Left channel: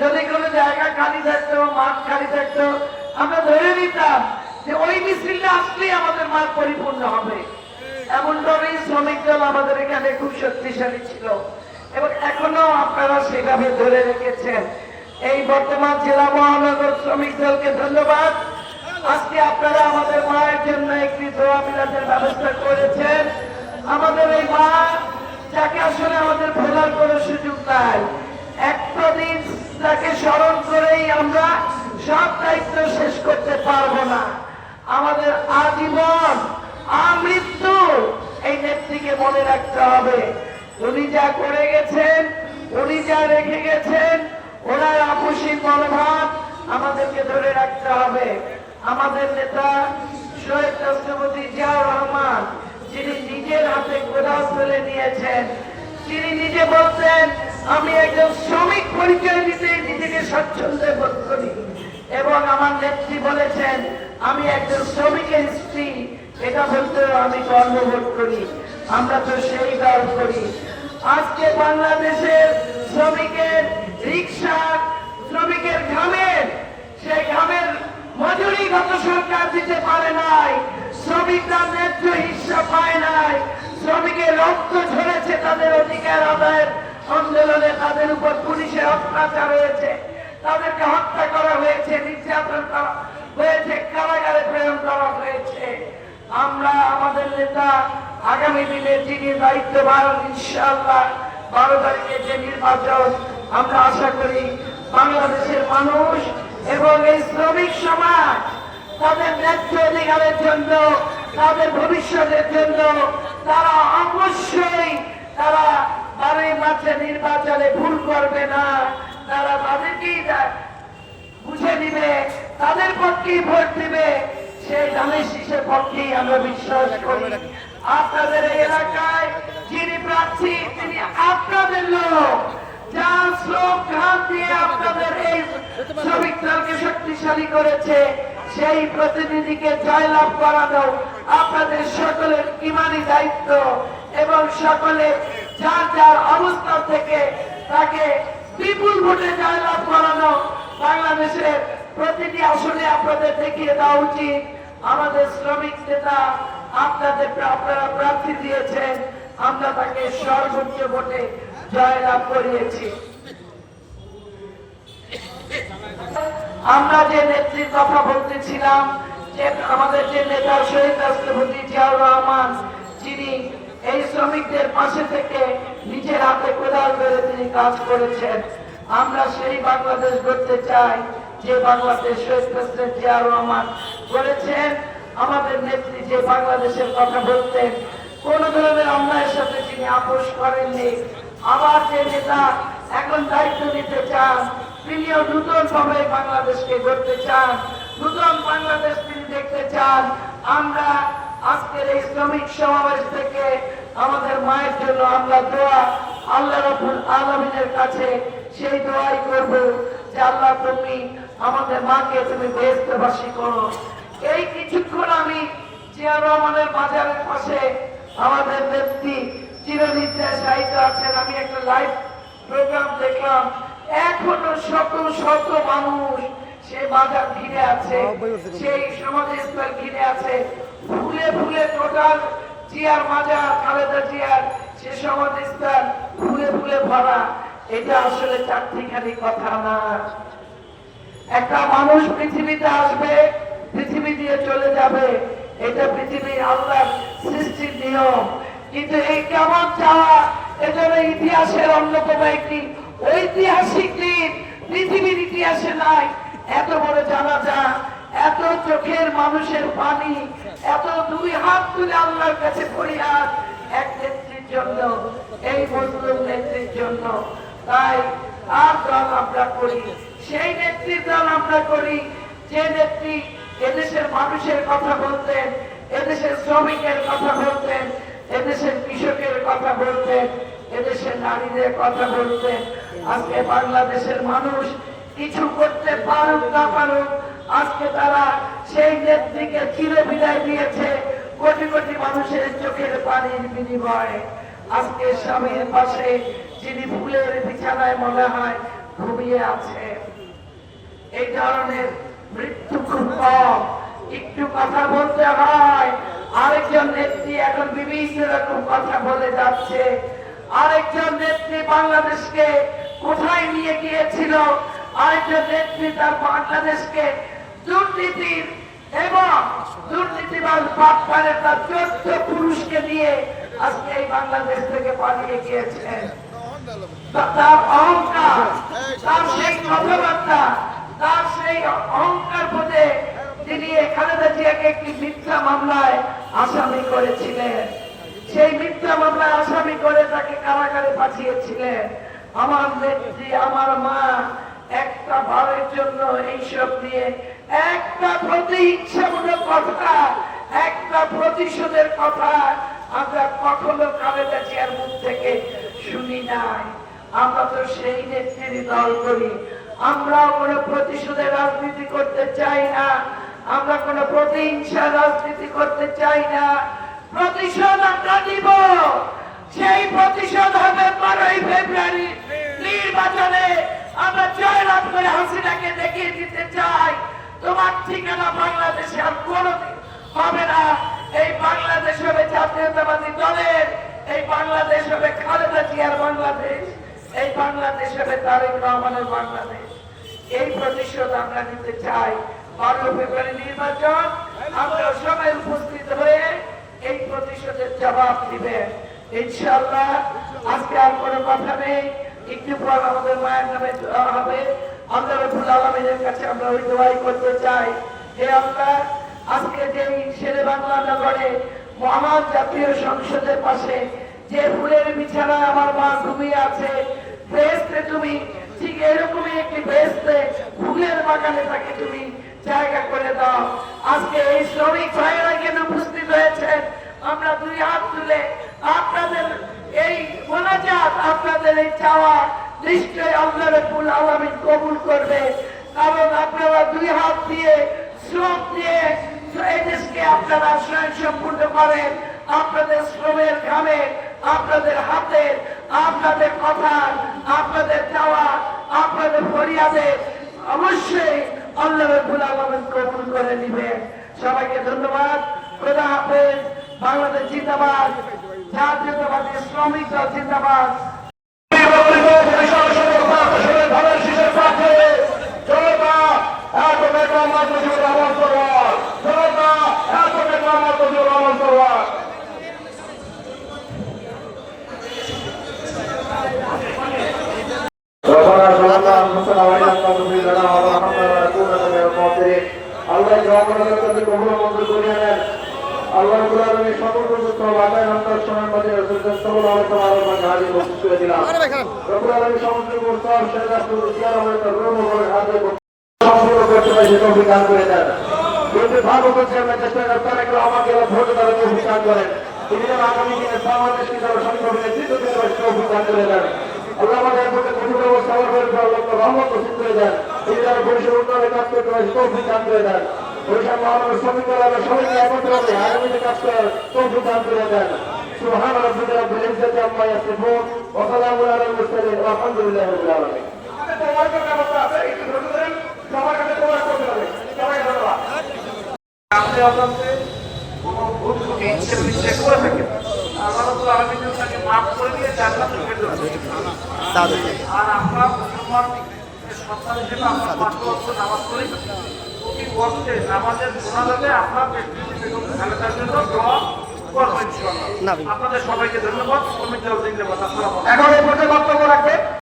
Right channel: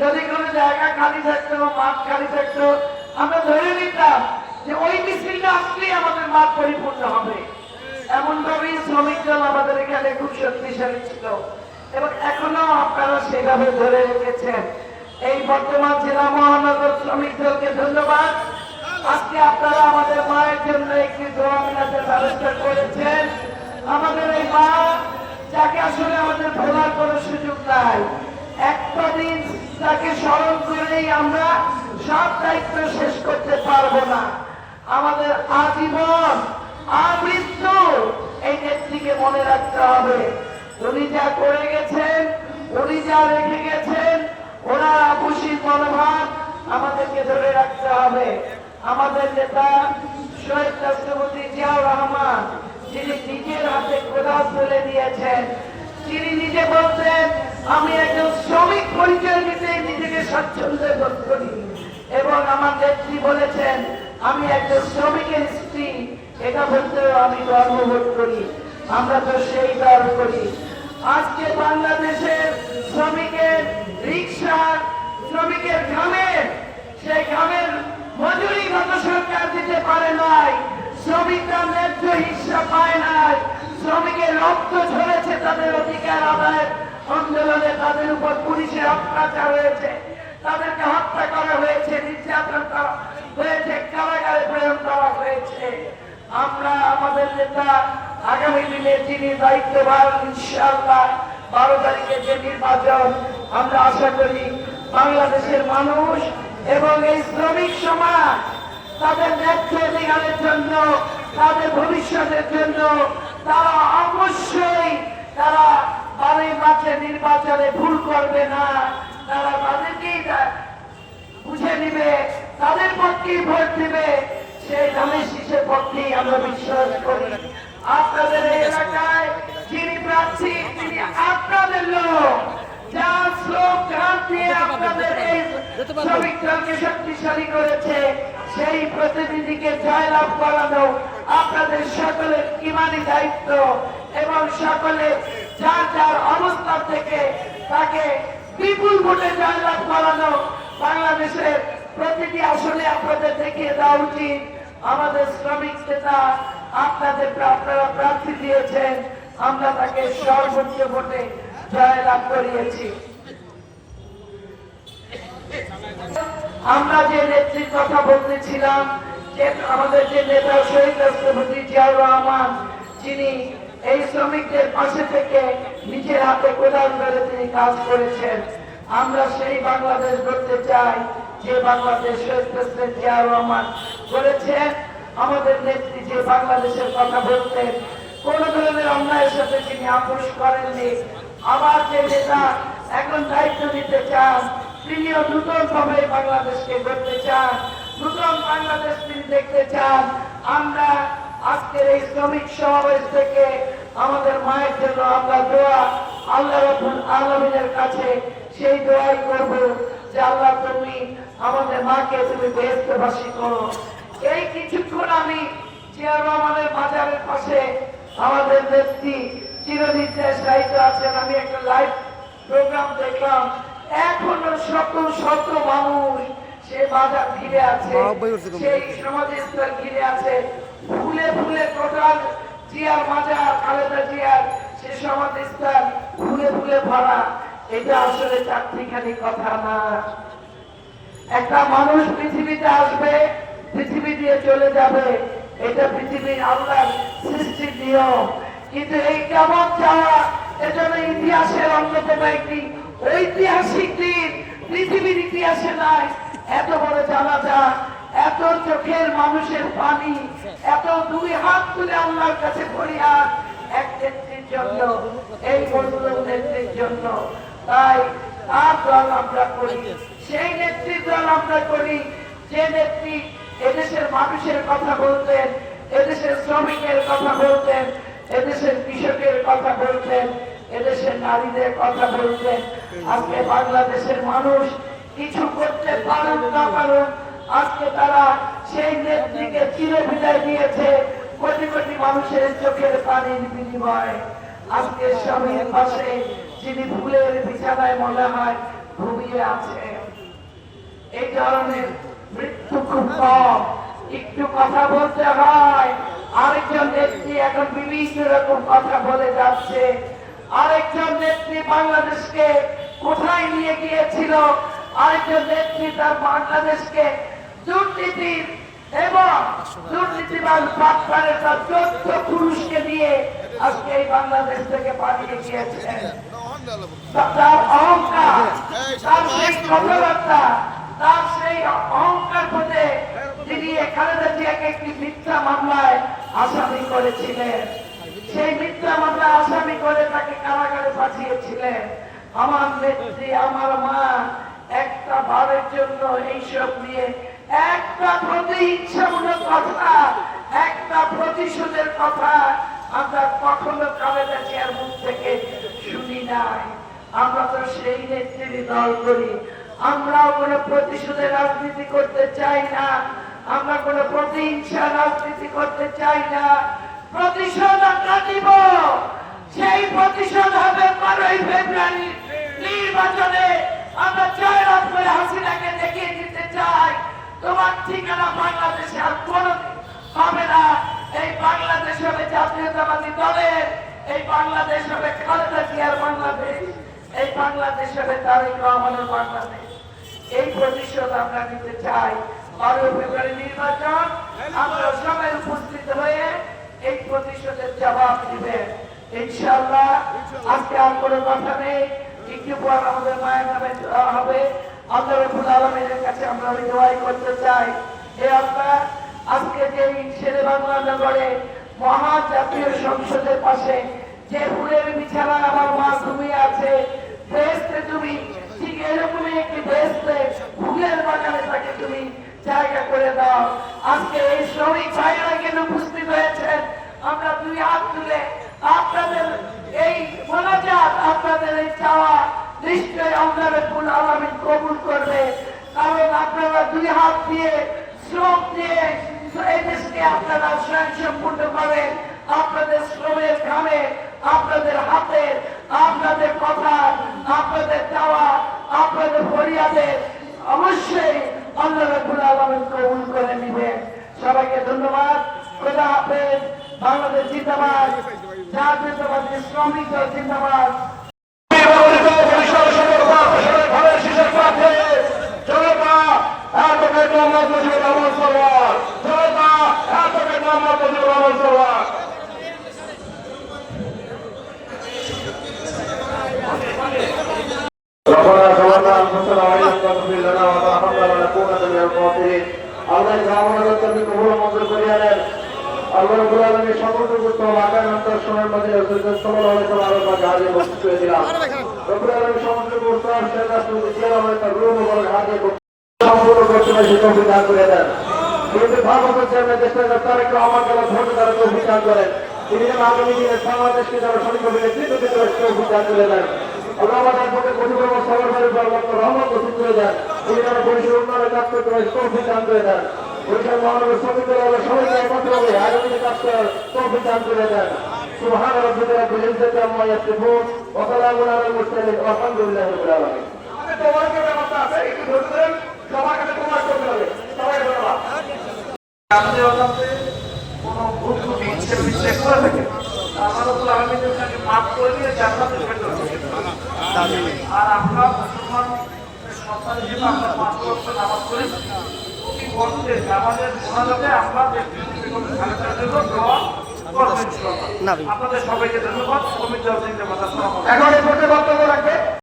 যদি কোনো জায়গা খালি থাকতো, মাঠ খালি থাকতো, আমরা ধরে নিতাম যে ওই মিছিলটা আসলেই আমাদের মাঠ পরিপূর্ণ হবে। এমনভাবেই শ্রমিক দল আমাদের এখানে খুব শক্তিশালী ছিল এবং এখনো আপনারা সেভাবে ধরে রেখেছেন। এই বর্তমান জেলা মহানগর শ্রমিক দলকে ধন্যবাদ। আজকে আপনারা আমাদের মায়ের জন্য একটি দোয়া মিলাদের ব্যবস্থা করেছেন। আমাদের ওই মা, যাকে আসলে আমাদের ভোলার কোনো সুযোগ নাই, একটা দিন তাকে স্মরণ করেই আমরা সব দায়িত্ব শেষ করতে পারবো না। আমাদের আজীবন আমৃত্যু এই নেত্রীকে মনে রাখতে হবে। উনি যা করে গেছেন, উনি যা রেখে গেছেন, ওনার আপসী মনোভাব আমাদেরকে ধরে রাখতে হবে। আমাদের নেতা শহীদ রাষ্ট্রপতি জিয়াউর রহমান, যিনি নিজের হাতে কোদাল তুলে নিয়েছেন, তিনি নিজে বলতেন আমি একজন শ্রমিক পরিচয় দিতে নিজেকে স্বচ্ছন্দে বোধ করি, এবং আমার নেত্রী বলেছেন আমি একজন শ্রমিকের স্ত্রী, এটা বলতে আমি গর্ববোধ করি। আমরা তো সেই দান করি। আজকে বাংলাদেশের শ্রমিকের রিক্সার, শ্রমিকের ঘামের, সেই ঘামের মজুরি গত সরকার দিতে পারে নাই, শ্রমিকরা ন্যায্য হিস্সা পায় নাই, শ্রমিকের রক্ত ঝরেছে তাদের অধিকার আদায়ের আন্দোলনে, তাদের উপর পুলিশের অত্যাচার হয়েছে, তাদেরকে হত্যা করা হয়েছে, নির্যাতন করা হয়েছে, কারাগারে প্রেরণ করা হয়েছে। আমরা আমাদের নেতা আগামী দিনে যিনি দায়িত্ববান, ইনশাআল্লাহ 12 তারিখে যে নির্বাচন, আমরা আশা করি বাংলাদেশের মানুষ এবং এই শ্রমিক সমাজ তাদের ন্যায্য অধিকারের জন্য, তাদের ভবিষ্যতের জন্য তারা অবশ্যই তারা 12 মার্চের নির্বাচনে ভুল করবে না। তারা তাদেরকেই বুঝে নিবে, তাদের পক্ষেই ভোট দিবে। সেই ধানের শীষের পক্ষেই আমরা বিশ্বাস করি। আপনাদের এই এলাকায় যিনি প্রার্থী, তিনি আপনাদের লোক, যার শ্রম ঘাম দিয়ে আপনাদের এই শ্রমিক দলকে শক্তিশালী করেছে, সেই প্রতিনিধিকে জয়লাভ করানো আপনাদের সকলের ইমানি দায়িত্ব, এবং সকলে যার যার অবস্থান থেকে তাকে বিপুল ভোটে জয়লাভ করানো বাংলাদেশের প্রতিটি আসলে আপনাদের দেখিয়ে দেওয়া উচিত। আমাদের শ্রমিক নেতা আপনাদেরকে আপনারা প্রার্থী দিয়েছেন, আমরা তাকে সর্বোচ্চ ভোটে জয়লাভ করিয়েছি। আমরা যে নেত্রীর কথা বলতেছিলাম, যে আমাদের যে নেতা শহীদ রাষ্ট্রপতি জিয়াউর রহমান, যিনি এই শ্রমিকদের পাশে থেকে নিজের হাতে কোদাল ধরে তিনি কাজ করেছেন, আমরা সেই বাংলাদেশ গড়তে চাই যে বাংলাদেশ শহীদ প্রেসিডেন্ট জিয়াউর রহমান করেছেন। আমাদের নেত্রী যে বাংলাদেশের কথা বলতেন, কোন ধরনের অন্যায়ের সাথে তিনি আপোষ করেননি। আবার যে নেতা এখন দায়িত্ব নিতে চান, তিনিও নতুন ভাবে বাংলাদেশকে গড়তে চান, নতুন বাংলাদেশ তিনি দেখতে চান। আমরা আজকের এই শ্রমিক সমাবেশ থেকে আমাদের মায়ের জন্য আমরা দোয়া আল্লাহ রাব্বুল আলামিনের কাছে সেই দোয়াই করব যে আল্লাহ তুমি আমাদের মাকে তুমি বেহেশতবাসী করো। এই কিছুক্ষণ আমি জিয়াউর রহমানের বাজারের পাশে আমাদের নেত্রী চিরনির্দেশ দায়িত্ব আছেন, আমি একটা লাইভ প্রোগ্রাম দেখলাম, এখনো শত শত মানুষ সে বাজার ঘিরে আছে, সেই সমাধিস্থল ঘিরে আছে, ফুলে ফুলে টোটাল জিয়ার বাজার, খালেদা জিয়ার সে সমাধিস্থল ফুলে ফুলে ভরা। এটা আসলে চারটিখানি কথা না। একটা মানুষ পৃথিবীতে আসবে, পৃথিবী দিয়ে চলে যাবে, এটা পৃথিবীর আল্লাহর সৃষ্টির নিয়ম। কিন্তু এই কিয়ামত ছাড়া এজন্য ইতিহাসের অন্যতম একটি ঐতিহাসিক দিন পৃথিবীর ইতিহাসে নাই। এত বড় জানাজা, এত চোখের মানুষের পানি, এত দুই হাত তুলে আল্লাহর কাছে ফরিয়াদ এক নেত্রীর জন্য, এই বন্ধুর নেত্রীর জন্য। তাই আর দল আমরা করি, সেই নেত্রীর দল আমরা করি যে নেত্রী এদেশের মানুষের কথা বলতেন, এদেশের শ্রমিকের কথা বলতেন, এদেশের কৃষকের কথা বলতেন, এদেশের নারীদের কথা বলতেন। আজকে বাংলাদেশের মানুষ কিছু করতে পারুক না পারুক, আজকে তারা সেই নেত্রীকে চিরে বিদায় দিয়েছে কোটি কোটি মানুষের চোখের পানির বিনিময়ে। আজকে স্বামীর পাশে যিনি ফুলের বিছানায় মনে হয় ঘুমিয়ে আছে। এই ধরনের মৃত্যু খুব কম, একটু কথা বলতে হয়। আরেকজন নেত্রী এখন বিভিন্ন রকম কথা বলে যাচ্ছে। আরেকজন নেত্রী বাংলাদেশকে কোথায় নিয়ে গিয়েছিল, আরেকজন নেত্রী তার বাংলাদেশকে দুর্নীতির এবং দুর্নীতিবাজ পাটপাড়ের তার 14 পুরুষকে দিয়ে আজকে এই বাংলাদেশ থেকে পালিয়ে গিয়েছেন। তার অহংকার, তার সেই কথাবার্তা, তার সেই অহংকার পথে তিনি খালেদা জিয়াকে একটি মিথ্যা মামলায় আসামি করেছিলেন। সেই মিথ্যা মামলায় আসামি করে তাকে কারাগারে পাঠিয়েছিলেন। আমার নেত্রী, আমার মা একটা ভাবের জন্য এইসব নিয়ে একটা প্রতিহিংসামূলক কথা, একটা প্রতিশোধের কথা আমরা কখনো খালেদা জিয়ার মুখ থেকে শুনি নাই। আমরা তো সেই নেত্রীর দল করি। আমরা কোনো প্রতিশোধের রাজনীতি করতে চাই না, আমরা কোনো প্রতিহিংসার রাজনীতি করতে চাই না। প্রতিশোধ আমরা দিব, সেই প্রতিশোধ হবে 12ই ফেব্রুয়ারি নির্বাচনে। আমরা জয়লাভ করে হাসিনাকে দেখিয়ে দিতে চাই তোমার ঠিকানা বাংলাদেশে আর কোনোদিন হবে না। এই বাংলাদেশ হবে জাতীয়তাবাদী দলের, এই বাংলাদেশ হবে খালেদা জিয়ার বাংলাদেশ, এই বাংলাদেশ হবে তারেক রহমানের বাংলাদেশ। এই প্রতিশোধ আমরা নিতে চাই। 12 ফেব্রুয়ারি নির্বাচন, আমরা সবাই উপস্থিত হয়ে এই প্রতিশোধের জবাব দিবেন ইনশাআল্লাহ। আজকে আর কোনো কথা নেই, একটু পর আমাদের মায়ের নামে দোয়া হবে। আল্লাহ রাব্বুল আলামিনের কাছে আমরা ওই দোয়াই করতে চাই। হে আল্লাহ, আজকে যে শেরেবাংলা নগরে মহান জাতীয় সংসদের পাশে যে ফুলের বিছানায় আমার মা ঘুমিয়ে আছে, বেহেশতে তুমি ঠিক এরকমই একটি বেহেশতে ফুলের বাগানে তাকে তুমি জায়গা করে দাও। আজকে এই শ্রমিক ভাইয়েরা কেন উপস্থিত হয়েছেন, আমরা দুই হাত তুলে আপনাদের এই মোনাজাত, আপনাদের এই চাওয়া নিশ্চয়ই আল্লাহ রাব্বুল আলামিন কবুল করবে। কারণ আপনারা দুই হাত দিয়ে শ্রম দিয়ে এই দেশকে আপনারা স্বয়ংসম্পূর্ণ করেন। আপনাদের শ্রমের ঘামে, আপনাদের হাতে, আপনাদের কথা, আপনাদের চাওয়া, আপনাদের ফরিয়াদে অবশ্যই আল্লাহ রাব্বুল আলামিন কবুল করে নেবেন। সবাইকে ধন্যবাদ। খোদা হাফেজ। বাংলাদেশ জিন্দাবাদ, জাতীয়তাবাদী শ্রমিক দল জিন্দাবাদ। سبحان ربك رب العزة عما يصفون وسلام على المرسلين والحمد لله رب العالمين. আপনাদের সবাইকে ধন্যবাদ। এখন বক্তব্য রাখবে।